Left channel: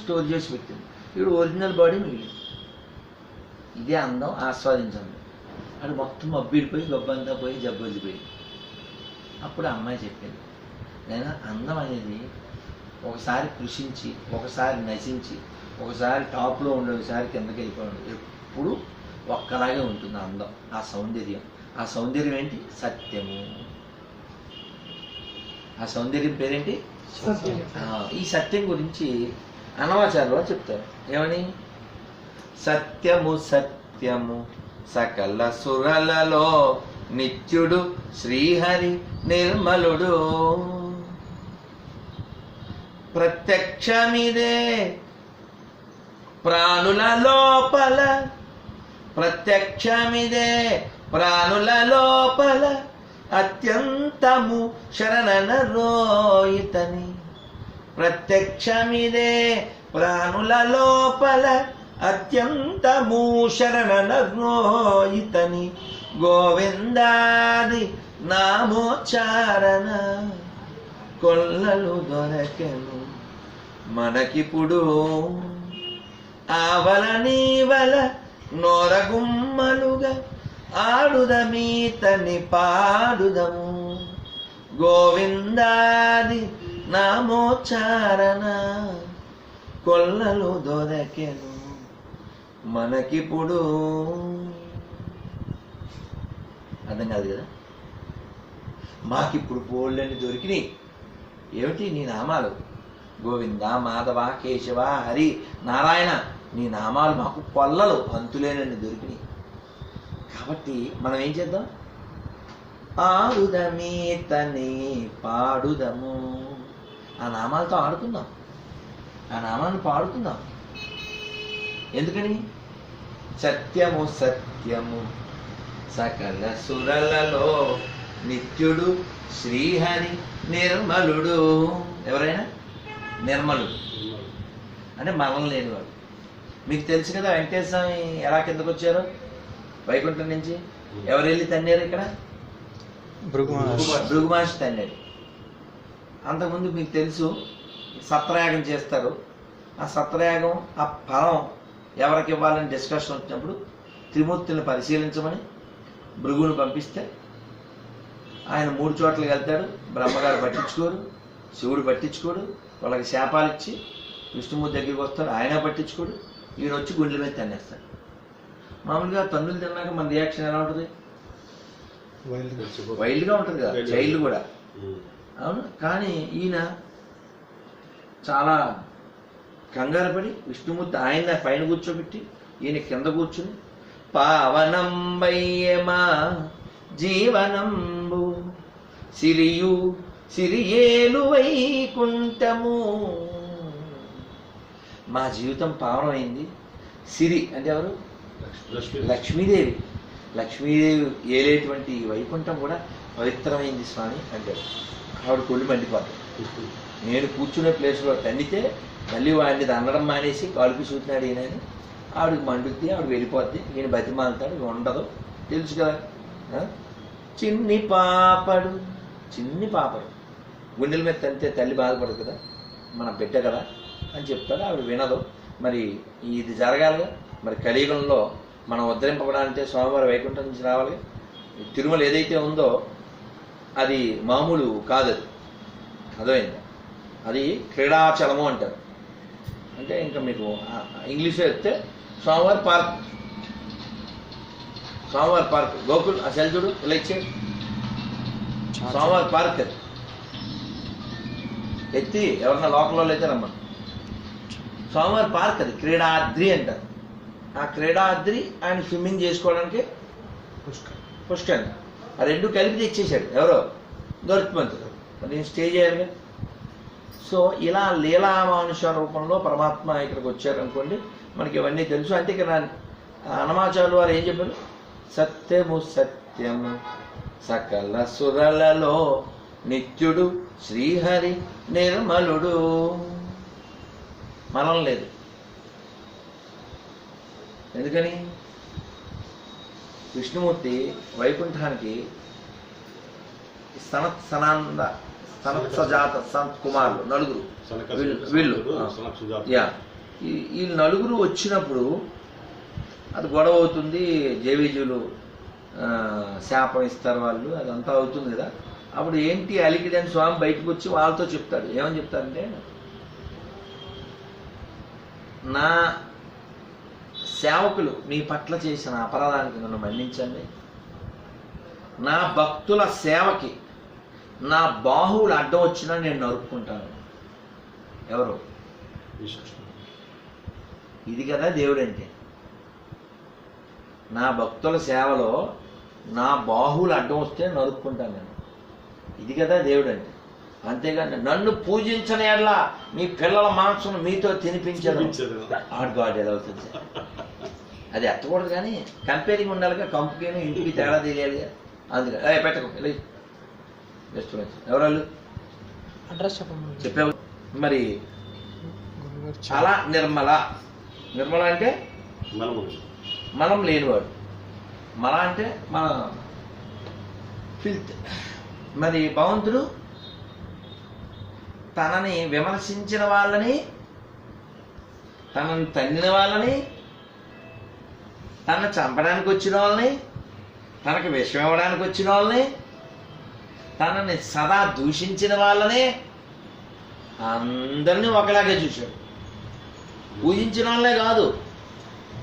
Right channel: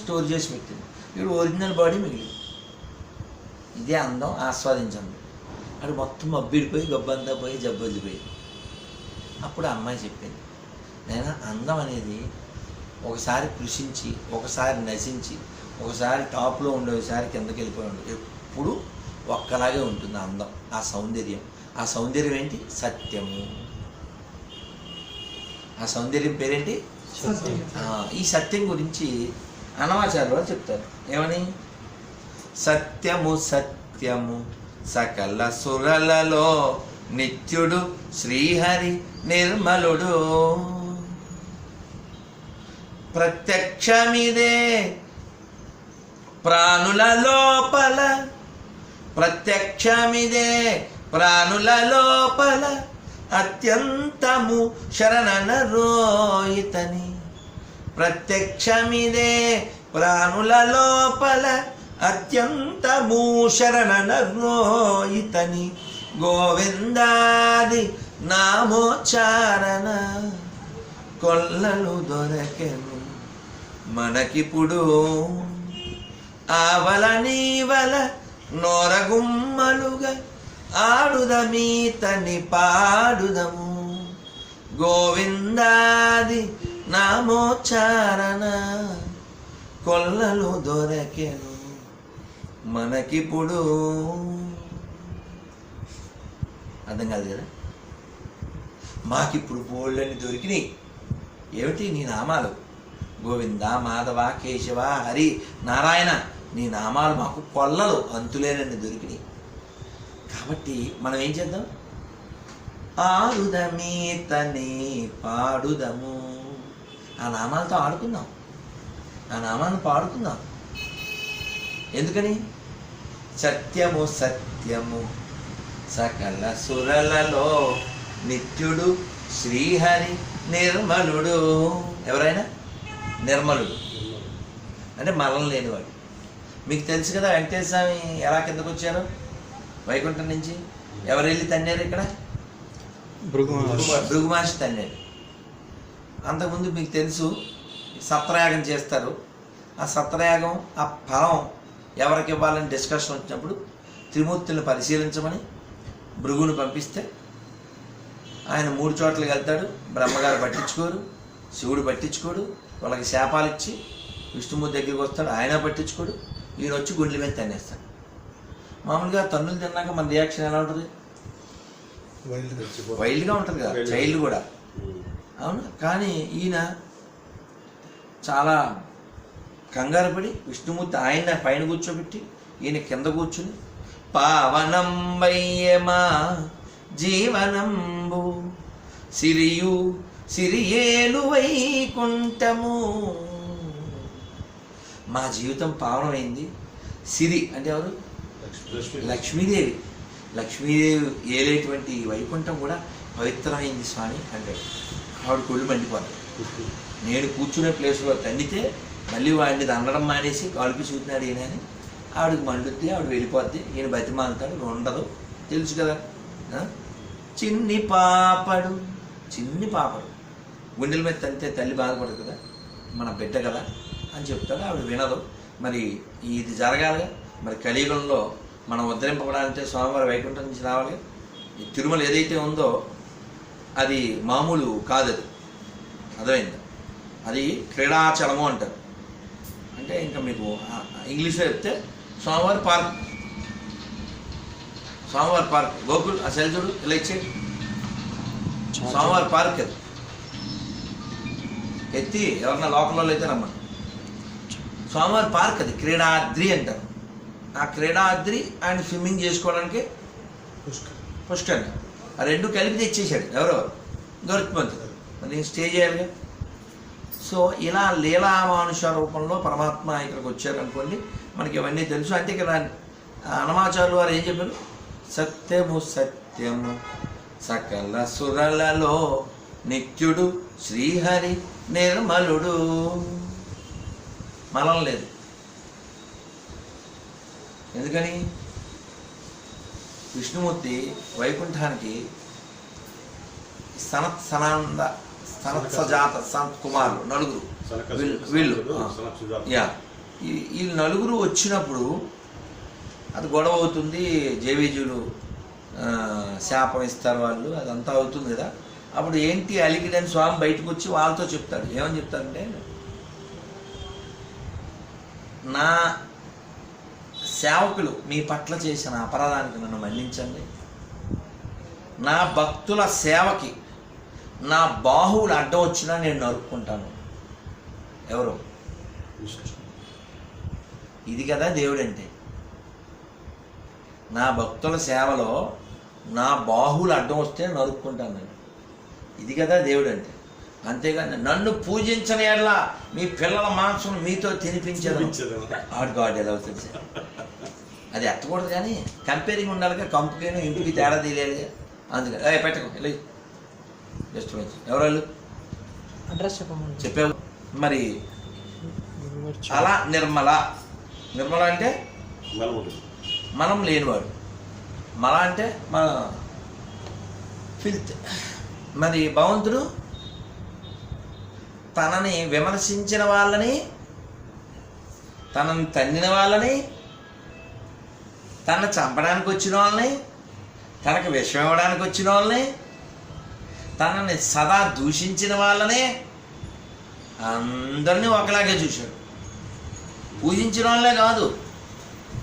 Store చేసి పెట్టింది. ఇప్పుడు ఒరిజినల్ బాడీ మిగిలింది. ఇదే అందం, ఆస్వాదించండి. అటు మొత్తం మబ్బిడిపోయి గబ్బంతా పోయి జబ్బొద్దిపోయింది. అప్పుడు అమ్మాయి చెప్పింది, నేను అందం అనేది ఒకసారి కృషించి, ఒకసారి నశించి, ఒకసారి టాప్లో ఉండే, ఒకసారి కిందకి వెళ్ళిపోయి ఉంటుంది. ఎప్పుడు ఒక్కలాగే ఉంటుంది అందం, ఆ సౌందర్యం. ఆ సౌందర్యం ఏంటి? సత్యము. ఆ సౌందర్యం పేరేంటి? ఈ సత్యం గురించి అన్నమాచార్యులు వారు చెప్తారు. ఏమని? సత్యము సత్యము సకల సురలలో నిత్యుడు శ్రీహరి నిర్మలుడు. ప్రత్యక్షమిదే ప్రాణుల లోపల, ప్రత్యక్షమిదే ప్రాణుల లోపల, అత్యంతము శరణనరోయితని. ప్రత్యక్షమిదే ప్రాణుల లోపల, అత్యంతము శరణనరోయితని. గోవిందాది నామోచ్చారణ కొల్లలు దొరకెను మనకిప్పుడు. ఆవల నీవల నోరగుమ్మలుగా ఆడుదమీతని పాడుదము. గోవిందాది నామోచ్చారణ కొల్లలు దొరకెను మనకిప్పుడు. అర్థం కాదు కదా? మాకిప్పుడు బోళ్ళని దొరికినాయి. ఏమిటి? నీ నామాలు. గోవింద, మాధవ, కేశవ, హరి, నారాయణ, నీ నామాలు మాకు కొల్లలు అంతులేనని దొరికినాయి. కాబట్టి మనం ఏం చేద్దాం? ఆడుదమీతని పాడుదము. ఆ నామాలతో ఆడుకుందాం, ఆ నామాన్ని పాడుకుందాం. ఎందుకని? సత్యము సత్యము సకల సురలలో నిత్యుడు శ్రీహరి నిర్మలుడు. ఎవరైనా నిర్మలుడు అంటే మరణం లేనివాడు. మీకు తెలుసు కదా వెంకటేశ్వర స్వామి ఎలా కిందకు వచ్చారో వైకుంఠం నుంచి. ఎవరు వెళ్ళి తన్నారు? ఇక్కడ భృగు మహర్షి తన్నాడు. అంతకుముందు మీకు తెలుసు సత్రయాగం చేస్తారు. ఆ సత్రయాగం ఆ ఫలం ఎవరికి ఇవ్వాలని డిస్కషన్ వచ్చినప్పుడు త్రిమూర్తుల్ని పరిశీలించమని భృగుని పంపిస్తే ఆయన 3 చోట్లకి వెళ్తాడు. బ్రహ్మగారు పట్టించుకోరు, శివుడు పట్టించుకోడు. వాళ్ళకి శాపాలు ఇచ్చి విష్ణుమూర్తి దగ్గరికి వస్తాడు, ఆయన పట్టించుకోడు. ఈయన వచ్చి గుండెల మీద తన్నేస్తాడు. మామూలుగా తన్నులు తిన్నాక మన రియాక్షన్ ఎలా ఉంటుంది? వైల్డ్గా ఉంటుంది కదా, చైల్డ్ కూడా. అవును. కానీ ఈయన చాలా కంగారు పడి విష్ణుమూర్తి ఆయన పైన కూర్చోబెట్టి ఈయన కింద కూర్చుని, పావనం వయ్యమా జీవనంబు సిరియు సిరియేలు వైకుంఠము. మా జీవితం పావనమైంది. సిరి అంటే ఎవరు? లక్ష్మీదేవి. లక్ష్మీదేవి ఏలేటువంటి వైకుంఠం కూడా పవిత్రమైంది స్వామి అంటాడు. ఆవిడ కొళ్ళు మండిపోతాడు. నేను కూర్చునే ప్లేస్లో తన్నితే మళ్ళీ వాడిని దండడం మానేసి కాలుపి చూస్తున్నాడు ఈయనని ఆవిడకి మండుద్ది. ఆవిడ వెళ్ళిపోద్ది. ఈయన బతిమాలుతాడు. ఉండదు, తెలుసు కదా. చిన్ని పాపడు, చిన్ని పాపడు గుండెల మీద తంతే తల్లి బాధపడదు కదా, మన బిడ్డ కదా అని చెప్తాడు. ఆవిడ వినదు. మరి ఇది జరగాలిగా. మరి కలియుగంలో మనం ఉద్ధరింపబడాలంటే స్వామివారి వైకుంఠం నుంచి రావాలి. తిరుమల ఏదైతే ఉందో అది మామూలు కాదు. అది అర్థమైందా? అది క్రీడాచలము అంటారు. అంటే ఇంకా మీకు ఇంగ్లీష్లో చెప్తే స్వామివారి పార్క్. స్వామివారి పార్క్ గోకుల్ ఆ సెల్ చూడు ఇలా ఇచ్చే స్వామివారి పార్క్. అది ఎత్తి ఎవరన్నా లోకల్లో అయితే రమ్మని. స్వామివారి పార్క్ అది క్రీడాద్రి అంటారు. ఆ క్రీడాద్రి ఆయన స్విమ్మింగ్ చేసుకోవడానికి పుష్కర్ ఆ రెండు కలిపి తెచ్చేసాడు. ఎవరో గరుత్మంతుడు. నేను స్టే చేయాలిగా. సో ఇలా లీలామానుష రూపంలో పరమాత్మ ఇక్కడికి వచ్చారనుకోండి, మనకి ఇవన్నీ తెలుసు. అంటే ఇక్కడ అన్నమాచార్యులు వారు ఏం చెప్పారు? సత్యము సత్యము సకల సురలలో నిత్యుడు శ్రీహరి నిర్మలుడు. మనం లేదు. ఎందుకని? విష్ణుమూర్తి వైకుంఠానికి సనత్సజాత సంత్ కుమారులు నలుగురు వీళ్ళు ఈ నలుగురు వచ్చినప్పుడు అది గొడవ అవుతుంది. జేవీజీలు శాపం ఇస్తారు వాళ్ళు, అదంతా అవుతుంది కదా. అప్పుడు ఏంటి అలికిడని స్వామి బయటకు వచ్చి వాళ్ళతో చెప్తాడు. ఏమని చెప్తాడంటే, నా సేవకులు మీ పట్ల చేసిన అపరాధానికి నన్ను మన్నించండి. నా భక్తుల సేవకి నా బాహువులు అడ్డం వచ్చినా నేను నరుక్కుంటాను. ఎవరు? ఇది కదా దేవుడు అంటే. నా భక్తుల సేవలో నా బాహువులు అడ్డం వస్తే నరుక్కుంటాను నేను. ఇది కదా దేవుడు అంటే. అంతేగాని నన్ను పూజించని ఎలా మీ పిల్లల మాంసం మీతో తినిపించదు. గాడ్ ఎలా అవుతుంది సార్? అది ఎత్తకూడదు, కానీ కంపేరింగ్ ఉండాలిగా. కంపుకేను ఇంటికి తేడా తెలియాలి. అందుకని పెట్టకు ఇలా ఎవరు అడ్రస్ చెప్పావు. మరి అలా నిర్మల అంటే మనం లేనివాడు. మల అంటే మన ఫిల్త్. మరి భగవంతుడు తనని విమర్శించిన వాళ్ళని, తనని తన్నిన వాళ్ళని, తనను చంపడానికి వచ్చిన వాళ్ళని, తనకు విషం ఇవ్వడానికి వచ్చిన వాళ్ళని, తనని సదా దూషించిన వాళ్ళని అందరినీ ఒకలాగే చూశాడు. పూజించిన వాళ్ళే కాదు.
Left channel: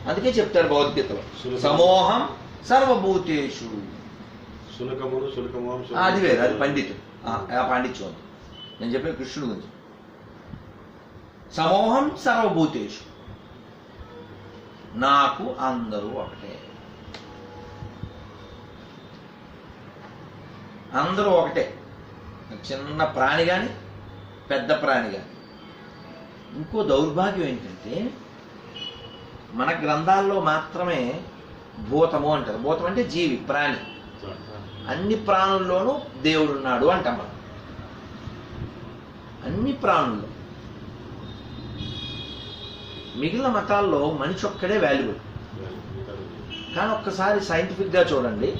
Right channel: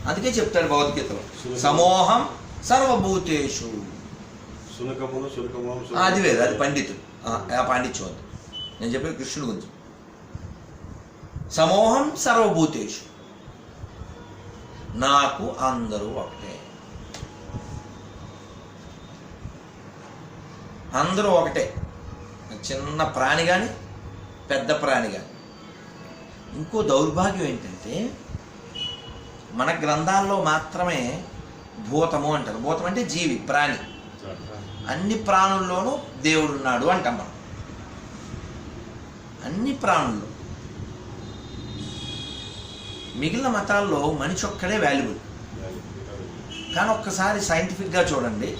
అందుకే చెప్తాడు భగవద్గీతలో, సమోహం సర్వభూతేషు. అది వేరు, అది పండితుడు. ఆ పాండిత్యం అది. నేను చెప్పే కృష్ణుడి గురించి. సమోహం సర్వభూతేషు, నాకు అందరూ ఒకటే. అందరూ ఒకటే. చిన్న ప్రాణి కానీ పెద్ద ప్రాణి కానీ. ఇంకో దౌర్భాగ్యం ఏంటంటే, మన గ్రంథాల్లో మాత్రమే భూతము అంటారు. భూతం అంటే జీవి, ప్రాణి. అన్ని ప్రాణుల్లోనూ దేవుడు ఉన్నాడు అంటాం మనం. అన్ని ప్రాణుల్లో. మిగిలిన మతాల్లో మనిషి ఒక్కడే వాల్యుబుల్. కానీ ఒక్కసారి సైంటిఫిక్గా చూడండి,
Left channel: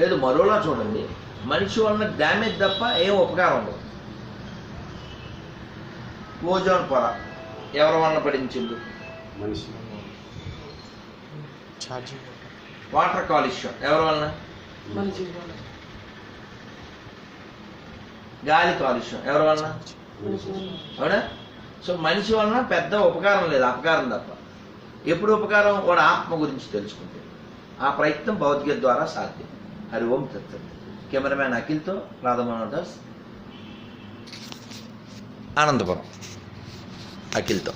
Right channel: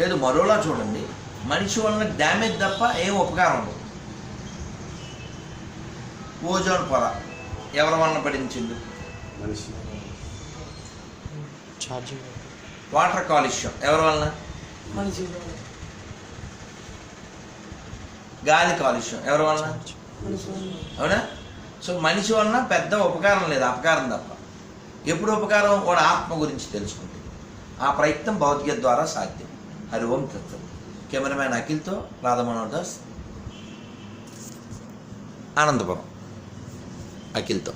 లేదు మరోలా చూడండి, మనిషి వలన డ్యామేజ్ తప్ప ఏం ఉపకారం ఉండదు. ఓజోన్ పొర ఎవరి వలన పడించిండు? మనిషి. వాటర్ కాలుష్యం ఎవరి వలన? గాలి కాలుష్యం ఎవరి వలన? అవునా? సో మనిషి వలన పెద్ద ఉపకారం లేదు, అపకారం తప్ప. ఎప్పుడు ఉపకారం? వాడు ఆత్మ గురించి తెలుసుకుంటే. ఆ ప్రయత్నం భగవద్గీత ద్వారా సాధ్యం. హరి ఓం తత్సత్. కెమెరామ్యాన్ అఖిల్తో రాధమోహన్ దాస్, ఆనందపురం. అఖిల్తో.